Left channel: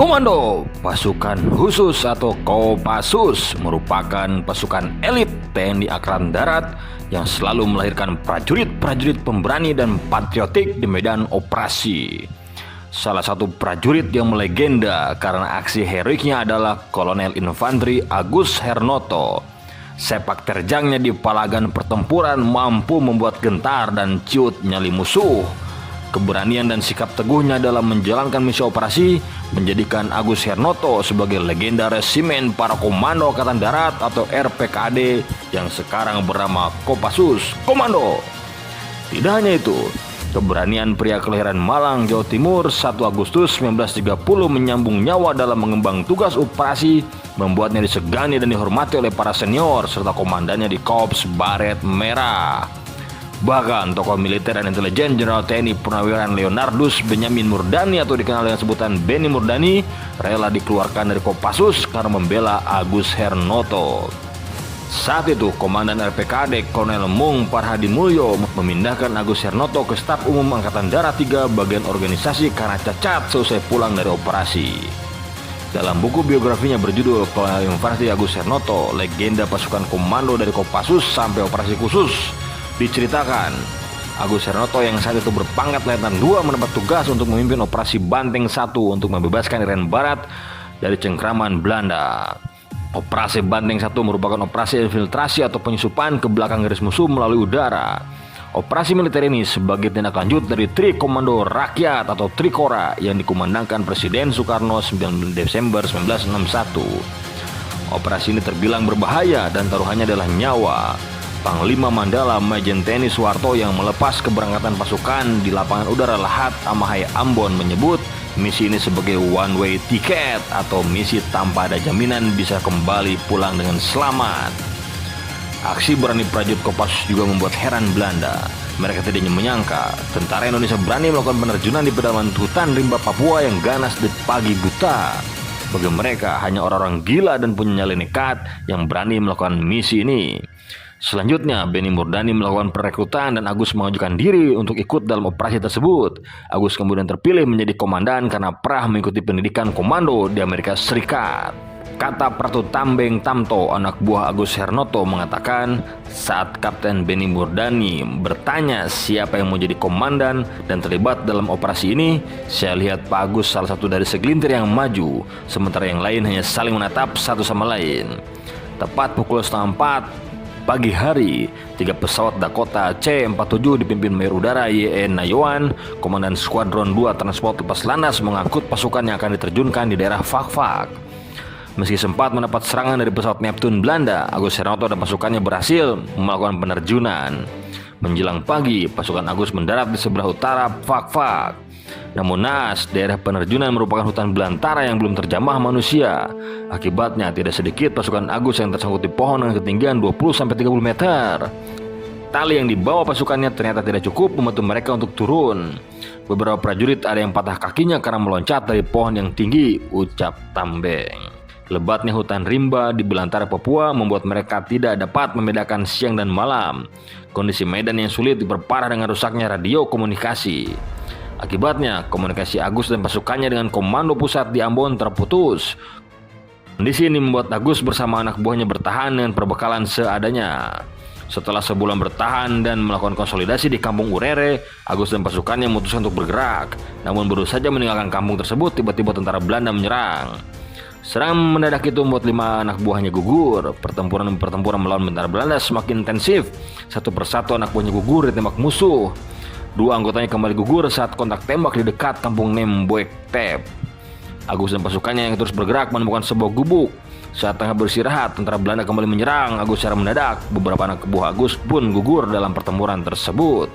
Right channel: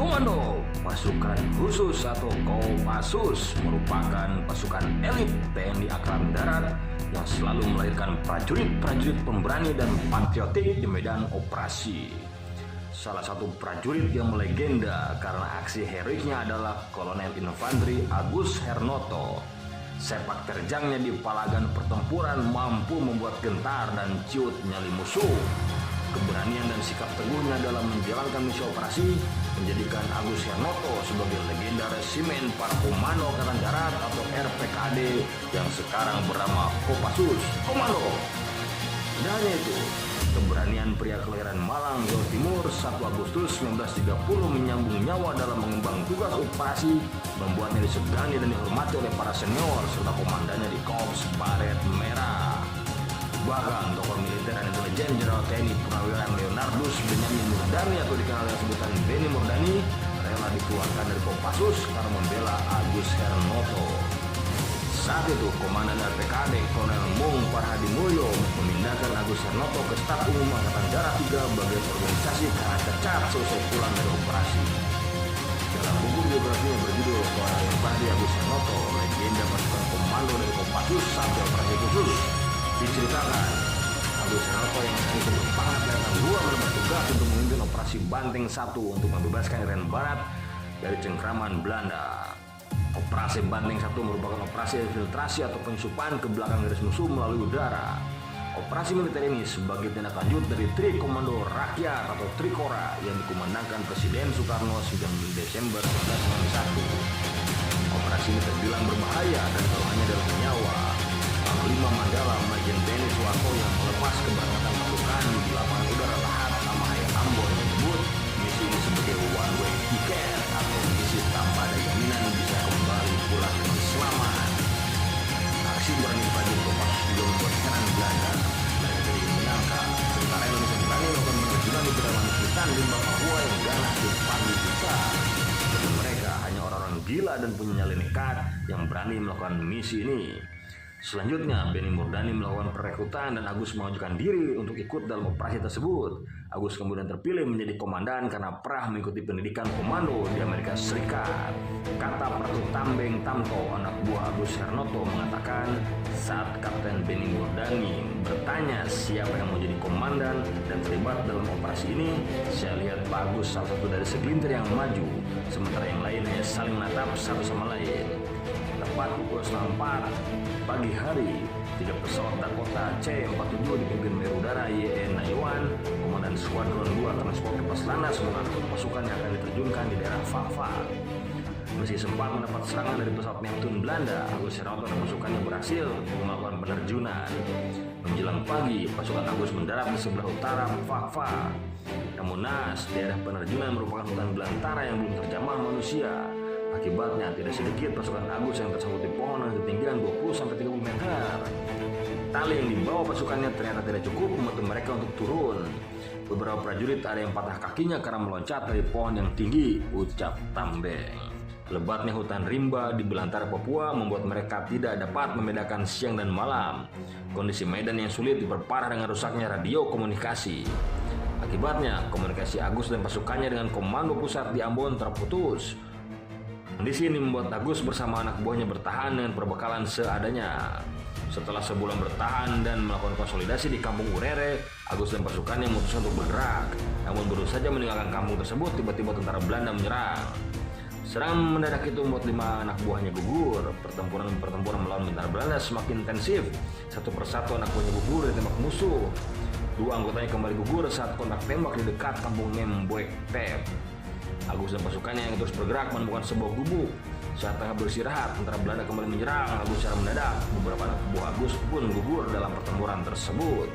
Komando Pasukan Khusus atau Kopassus merupakan pasukan elit TNI Angkatan Darat yang selalu melahirkan prajurit-prajurit pemberani dan patriotik di medan operasi. Salah satu prajurit yang melegenda karena aksi heroiknya adalah Kolonel Infanteri Agus Hernoto. Sepak terjangnya di palagan pertempuran mampu membuat gentar dan ciut nyali musuh. Keberanian dan sikap teguhnya dalam menjalankan misi operasi menjadikan Agus Hernoto sebagai legenda resimen para komando Angkatan Darat atau RPKAD yang sekarang bernama Kopassus Komando. Tidak hanya itu, keberanian pria kelahiran Malang, Jawa Timur 1 Agustus 1930 menyambung nyawa dalam mengemban tugas operasi membuatnya disegani dan dihormati oleh para senior serta komandannya di Korps Baret Merah. Bahkan tokoh militer dan intelijen Jenderal TNI Purnawirawan Leonardus Benyamin Murdani atau dikenal dengan sebutan Beni Murdani rela dikeluarkan dari Kopassus karena membela Agus Hernoto. Saat itu Komandan RPKAD Kolonel Mung Parhadi Mulyo memindahkan Agus Hernoto ke Staf Umum Angkatan Darat 3 bagian organisasi karena cacat selesai pulang dari operasi. Dalam buku biografinya berjudul Kolonel Infanteri Agus Hernoto, legenda pasukan komando dari Kopassus sampai operasi khusus, diceritakan Agus Hernoto yang saat itu berpangkat Letnan 2 mendapat tugas untuk memimpin operasi Banteng 1 untuk membebaskan Irian Barat dari cengkraman Belanda. Operasi Banteng 1 merupakan operasi infiltrasi atau penyusupan ke belakang garis musuh melalui udara. Operasi militer ini sebagai tindak lanjut dari Tri Komando Rakyat atau Trikora yang dikumandangkan Presiden Soekarno 9 Desember 1961. Operasi ini terbilang berbahaya dan taruhannya adalah nyawa. Panglima Mandala Majen TNI Soeharto yang melepas keberangkatan pasukan di lapangan udara Lahat Amahai Ambon menyebut misi ini sebagai one way ticket atau misi tanpa ada jaminan bisa kembali pulang dengan selamat. Aksi berani prajurit Kopassus juga membuat heran Belanda. Mereka tidak menyangka tentara Indonesia berani melakukan penerjunan di pedalaman hutan rimba Papua yang ganas di pagi buta. Bagi mereka hanya orang-orang gila dan punya nyali nekat yang berani melakukan misi ini. Selanjutnya, Beni Murdani melakukan perekrutan dan Agus mengajukan diri untuk ikut dalam operasi tersebut. Agus kemudian terpilih menjadi komandan karena pernah mengikuti pendidikan komando di Amerika Serikat. Kata Pratu Tambeng Tamto, anak buah Agus Hernoto, mengatakan saat Kapten Beni Murdani bertanya siapa yang mau jadi komandan dan terlibat dalam operasi ini, saya lihat Pak Agus salah satu dari segelintir yang maju, sementara yang lain hanya saling menatap satu sama lain. Tepat pukul 3:30 pagi hari, 3 pesawat Dakota C-47 dipimpin Mayor Udara Y.E. Nayawan, Komandan Skuadron 2 Transport Lepas Landas mengangkut pasukan yang akan diterjunkan di daerah Fak-Fak. Meski sempat mendapat serangan dari pesawat Neptune Belanda, Agus Hernoto dan pasukannya berhasil melakukan penerjunan. Menjelang pagi, pasukan Agus mendarat di sebelah utara Fak-Fak. Namun naas, daerah penerjunan merupakan hutan belantara yang belum terjamah manusia. Akibatnya tidak sedikit pasukan Agus yang tersangkut di pohon dengan ketinggian 20-30 meter. Tali yang dibawa pasukannya ternyata tidak cukup membantu mereka untuk turun. Beberapa prajurit ada yang patah kakinya karena meloncat dari pohon yang tinggi, ucap Tambeng. Lebatnya hutan rimba di belantara Papua membuat mereka tidak dapat membedakan siang dan malam. Kondisi medan yang sulit diperparah dengan rusaknya radio komunikasi. Akibatnya, komunikasi Agus dan pasukannya dengan komando pusat di Ambon terputus. Kondisi ini membuat Agus bersama anak buahnya bertahan dengan perbekalan seadanya. Setelah sebulan bertahan dan melakukan konsolidasi di Kampung Urere, Agus dan pasukannya memutuskan untuk bergerak. Namun baru saja meninggalkan kampung tersebut, tiba-tiba tentara Belanda menyerang. Serangan mendadak itu membuat 5 anak buahnya gugur. Pertempuran melawan tentara Belanda semakin intensif. Satu persatu anak buahnya gugur ditembak musuh. 2 anggotanya kembali gugur saat kontak tembak di dekat kampung Nemboek Tep. Agus dan pasukannya yang terus bergerak menemukan sebuah gubuk. Saat tengah beristirahat, tentara Belanda kembali menyerang Agus secara mendadak. Beberapa anak buah Agus pun gugur dalam pertempuran tersebut.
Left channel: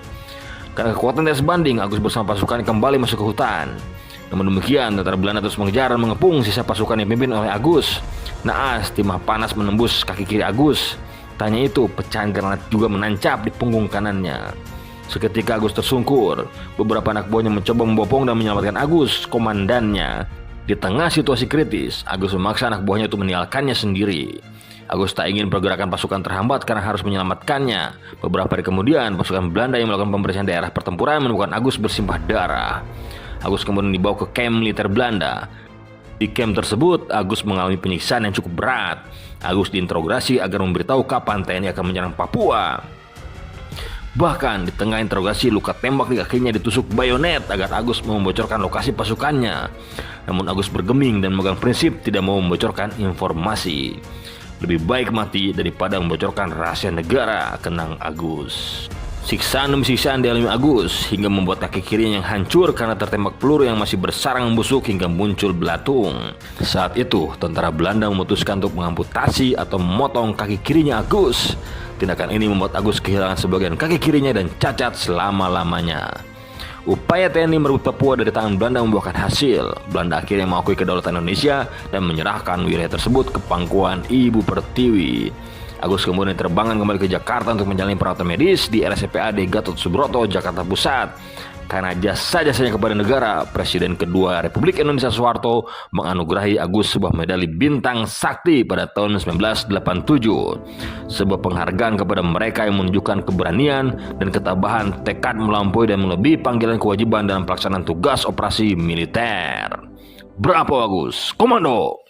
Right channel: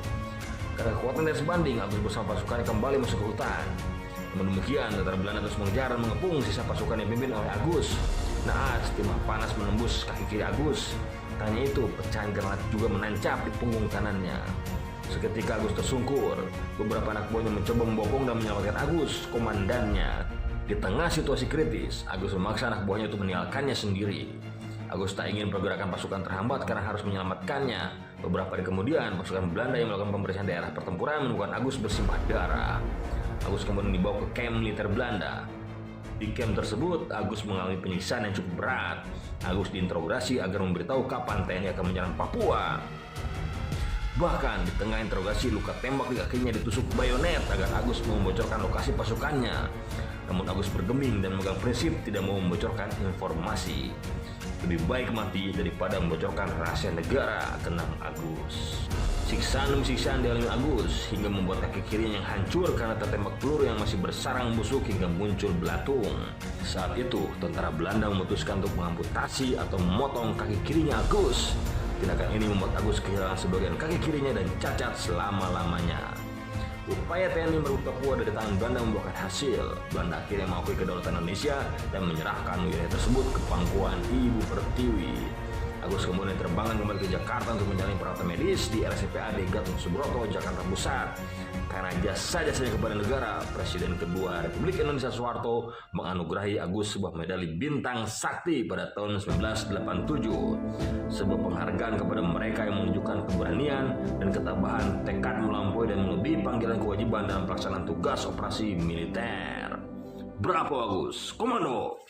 Karena kekuatan tidak sebanding, Agus bersama pasukannya kembali masuk ke hutan. Namun demikian, tentara Belanda terus mengejar dan mengepung sisa pasukan yang dipimpin oleh Agus. Naas, timah panas menembus kaki kiri Agus. Tanya itu, pecahan granat juga menancap di punggung kanannya. Seketika Agus tersungkur. Beberapa anak buahnya mencoba membopong dan menyelamatkan Agus, komandannya. Di tengah situasi kritis, Agus memaksa anak buahnya untuk meninggalkannya sendiri. Agus tak ingin pergerakan pasukan terhambat karena harus menyelamatkannya. Beberapa hari kemudian, pasukan Belanda yang melakukan pembersihan daerah pertempuran menemukan Agus bersimbah darah. Agus kemudian dibawa ke kamp militer Belanda. Di camp tersebut, Agus mengalami penyiksaan yang cukup berat. Agus diinterogasi agar memberitahu kapan TNI akan menyerang Papua. Bahkan di tengah interogasi, luka tembak di kakinya ditusuk bayonet agar Agus mau membocorkan lokasi pasukannya. Namun Agus bergeming dan memegang prinsip tidak mau membocorkan informasi. Lebih baik mati daripada membocorkan rahasia negara, kenang Agus. Siksaan demi siksaan dialami Agus hingga membuat kaki kirinya yang hancur karena tertembak peluru yang masih bersarang membusuk hingga muncul belatung. Saat itu, tentara Belanda memutuskan untuk mengamputasi atau memotong kaki kirinya Agus. Tindakan ini membuat Agus kehilangan sebagian kaki kirinya dan cacat selama-lamanya. Upaya TNI merebut Papua dari tangan Belanda membuahkan hasil. Belanda akhirnya mengakui kedaulatan Indonesia dan menyerahkan wilayah tersebut ke pangkuan Ibu Pertiwi. Agus kemudian terbangkan kembali ke Jakarta untuk menjalani perawatan medis di RSPAD Gatot Subroto, Jakarta Pusat. Karena jasa-jasanya kepada negara, Presiden kedua Republik Indonesia Soeharto menganugerahi Agus sebuah medali Bintang Sakti pada tahun 1987. Sebuah penghargaan kepada mereka yang menunjukkan keberanian dan ketabahan, tekad melampaui dan melebihi panggilan kewajiban dalam pelaksanaan tugas operasi militer. Bravo Agus, komando!